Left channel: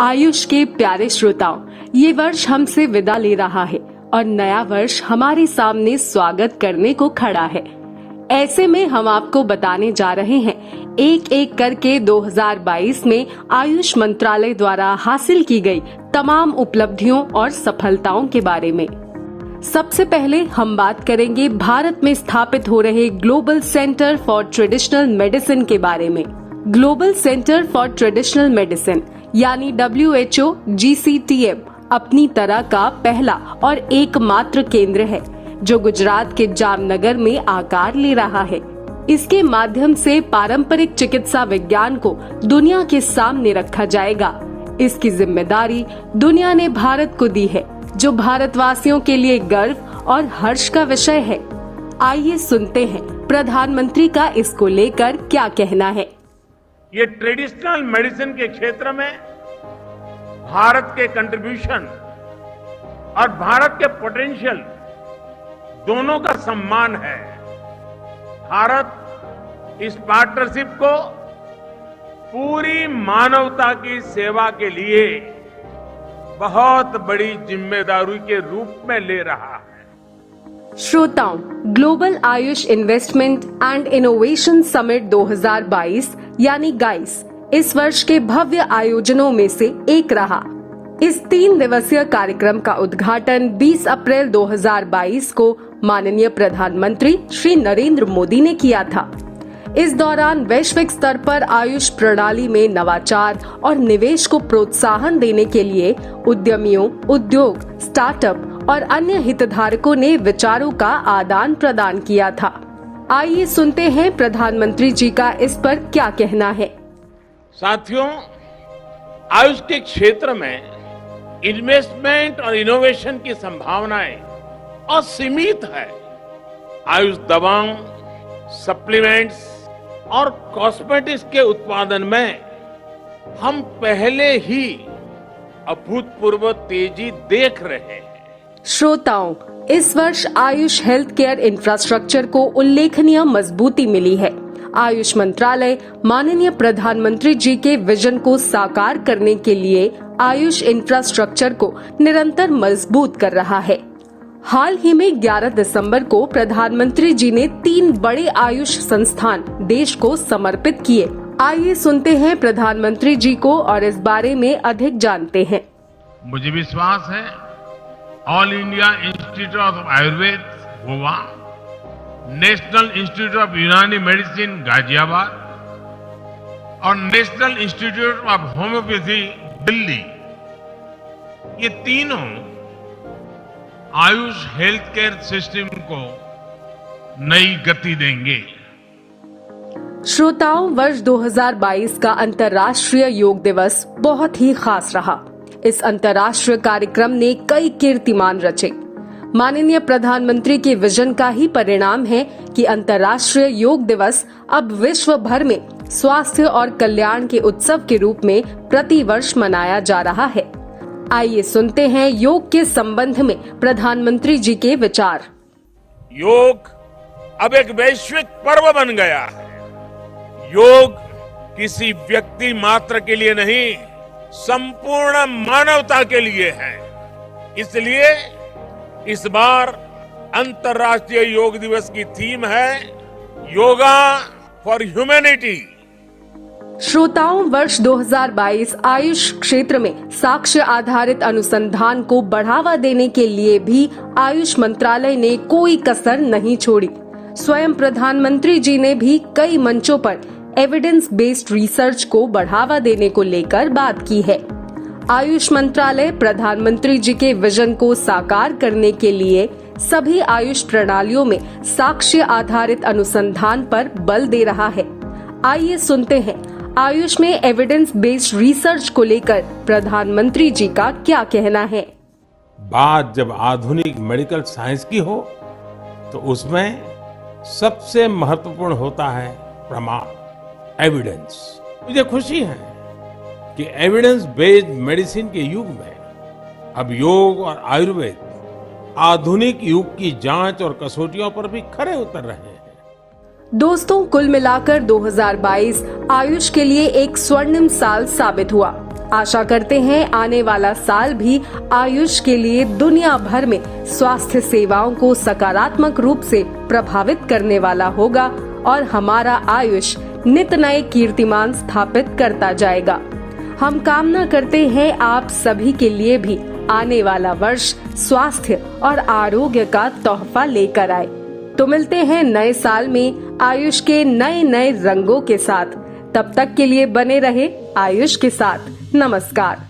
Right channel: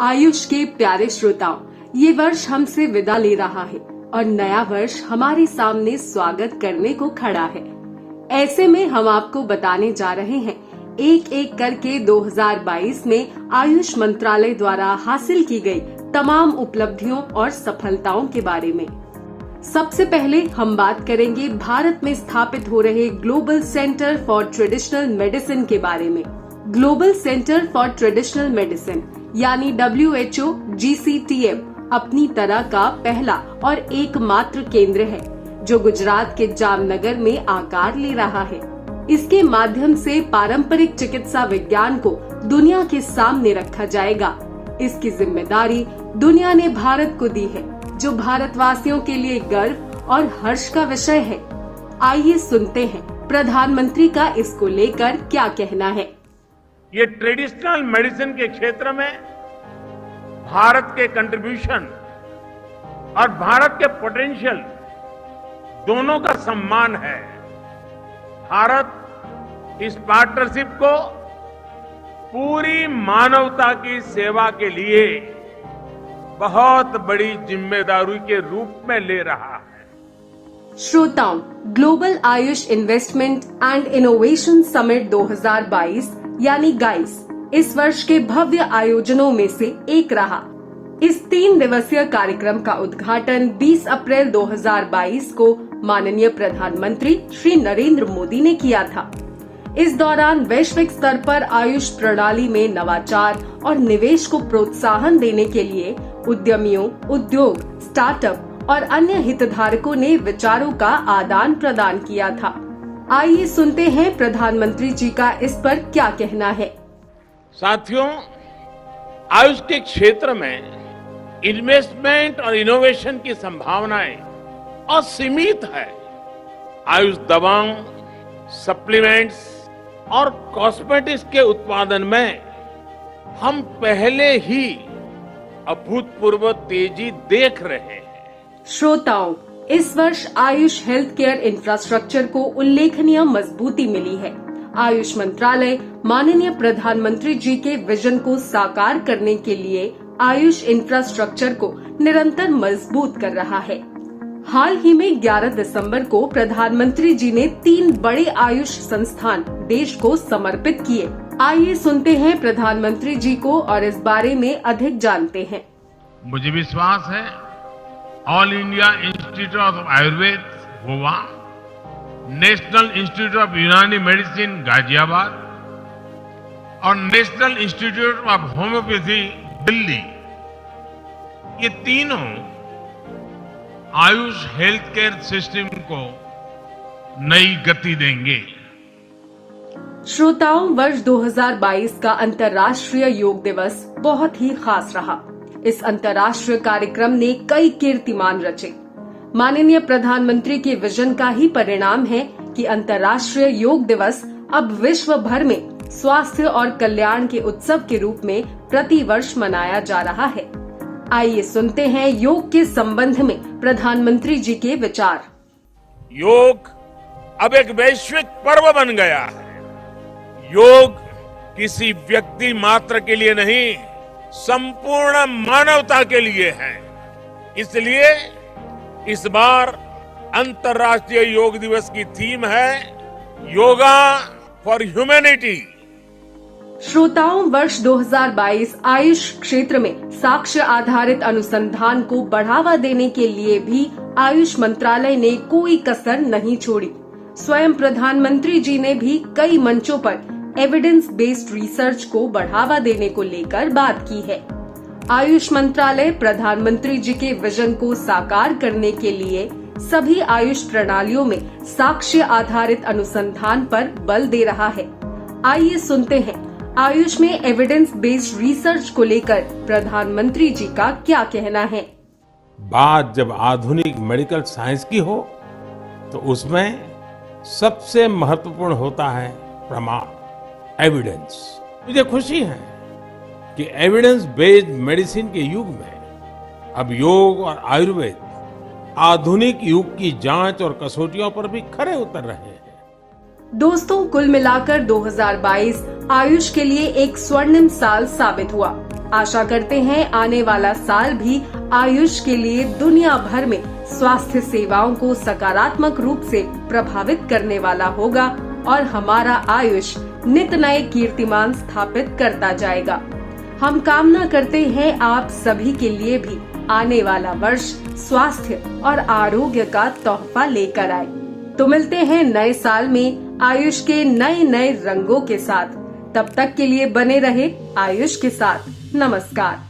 आयुष के प्यारे श्रोताओं, ये वर्ष हमसे विदा ले रहा है और नया वर्ष हमारे सामने स्वागत करने को खड़ा है। ऐसे में हम आपको बताने जा रहे हैं एक एक करके 2022 में आयुष मंत्रालय द्वारा हासिल की गई तमाम उपलब्धियों और सफलताओं के बारे में। सबसे पहले हम बात करेंगे भारत में स्थापित हो रहे global centre for traditional medicine के बारे में। Global centre for traditional medicine यानी WHO GCTM अपनी तरह का पहला और एकमात्र केंद्र है जो गुजरात के जामनगर में आकार ले रहा है। इसके माध्यम से पारंपरिक चिकित्सा विज्ञान को दुनिया के सामने रखा जाएगा। इसकी जिम्मेदारी दुनिया ने भारत को दी है, जो भारतवासियों के लिए गर्व और हर्ष का विषय है। आइए सुनते हैं प्रधानमंत्री का इसको लेकर क्या कहना है। ये ट्रेडिशनल मेडिसिन के क्षेत्र में भारत के कंट्रीब्यूशन और भारत के पोटेंशियल दोनों का सम्मान है। भारत इस पार्टनरशिप को पूरी मानवता की सेवा के लिए बहुत बड़ी जिम्मेदारी के रूप में ले रहा है। श्रोताओं, global Ayush investment and innovation summit 2022 यानी गाइस इस वर्ष के भव्य आयोजनों में से एक रहा। इस 3 दिवसीय कार्यक्रम का उद्घाटन 20 अप्रैल 2022 को माननीय प्रधानमंत्री श्री नरेंद्र मोदी ने किया था। इस दौरान वैश्विक स्तर पर आयुष प्रणाली में नवाचार और निवेश को प्रोत्साहन देने के लिए उद्यमियों, उद्योग, स्टार्टअप और अन्य हितधारकों ने विचारों का आदान प्रदान किया था। आइए सुनते हैं प्रधानमंत्री जी का इस पर क्या कहना है। साथियों, आयुष के क्षेत्र में इन्वेस्टमेंट और इनोवेशन की संभावनाएं असीमित है। आयुष दवाओं, सप्लीमेंट्स और कॉस्मेटिक्स के उत्पादन में हम पहले ही अभूतपूर्व तेजी देख रहे हैं। श्रोताओं, इस वर्ष आयुष हेल्थ केयर इंफ्रास्ट्रक्चर को उल्लेखनीय मजबूती मिली है। आयुष मंत्रालय माननीय प्रधानमंत्री जी के विजन को साकार करने के लिए आयुष इंफ्रास्ट्रक्चर को निरंतर मजबूत कर रहा है। हाल ही में 11 दिसंबर को प्रधानमंत्री जी ने 3 बड़े आयुष संस्थान देश को समर्पित किए। आइए सुनते हैं प्रधानमंत्री जी को और इस बारे में अधिक जानते हैं। मुझे विश्वास है all India institute of Ayurveda Goa, national institute of यूनानी मेडिसिन गाजियाबाद और national institute of homeopathy Delhi, ये तीनों आयुष हेल्थ केयर सिस्टम को नई गति देंगे। श्रोताओं, वर्ष 2022 का अंतर्राष्ट्रीय योग दिवस बहुत ही खास रहा। इस अंतर्राष्ट्रीय कार्यक्रम ने कई कीर्तिमान रचे। माननीय प्रधानमंत्री के विजन का ही परिणाम है कि अंतर्राष्ट्रीय योग दिवस अब विश्व भर में स्वास्थ्य और कल्याण के उत्सव के रूप में प्रति वर्ष मनाया जा रहा है। आइए सुनते हैं योग के संबंध में प्रधानमंत्री जी के विचार। योग अब एक वैश्विक पर्व बन गया है। योग किसी व्यक्ति मात्र के लिए नहीं, संपूर्ण मानवता के लिए है। इसलिए इस बार अंतर्राष्ट्रीय योग दिवस की थीम है योगा फॉर ह्यूमैनिटी। श्रोताओं, वर्ष 2022 आयुष क्षेत्र में साक्ष्य आधारित अनुसंधान को बढ़ावा देने के लिए भी आयुष मंत्रालय ने कोई कसर नहीं छोड़ी। स्वयं प्रधानमंत्री जी ने भी कई मंचों पर एविडेंस बेस्ड रिसर्च को बढ़ावा देने को लेकर बात की है। आयुष मंत्रालय प्रधानमंत्री जी के विजन को साकार करने के लिए सभी आयुष प्रणालियों में साक्ष्य आधारित अनुसंधान पर बल दे रहा है। आइए सुनते हैं आयुष में एविडेंस बेस्ड रिसर्च को लेकर प्रधानमंत्री जी का क्या कहना है। बात जब आधुनिक मेडिकल साइंस की हो तो उसमें सबसे महत्वपूर्ण होता है प्रमाण, एविडेंस। मुझे खुशी है कि एविडेंस बेस्ड मेडिसिन के युग में अब योग और आयुर्वेद आधुनिक युग की जांच और कसौटियों पर भी खरे उतर रहे हैं। दोस्तों, कुल मिलाकर 2022 आयुष के लिए एक स्वर्णिम साल साबित हुआ। आशा करते हैं आने वाला साल भी आयुष के लिए दुनिया भर में स्वास्थ्य सेवाओं को सकारात्मक रूप से प्रभावित करने वाला होगा और हमारा आयुष नित नए कीर्तिमान स्थापित करता जाएगा। हम कामना करते हैं आप सभी के लिए भी आने वाला वर्ष स्वास्थ्य और आरोग्य का तोहफा लेकर आए। तो मिलते हैं नए साल में आयुष के नए नए रंगों के साथ। तब तक के लिए बने रहे आयुष के साथ। नमस्कार।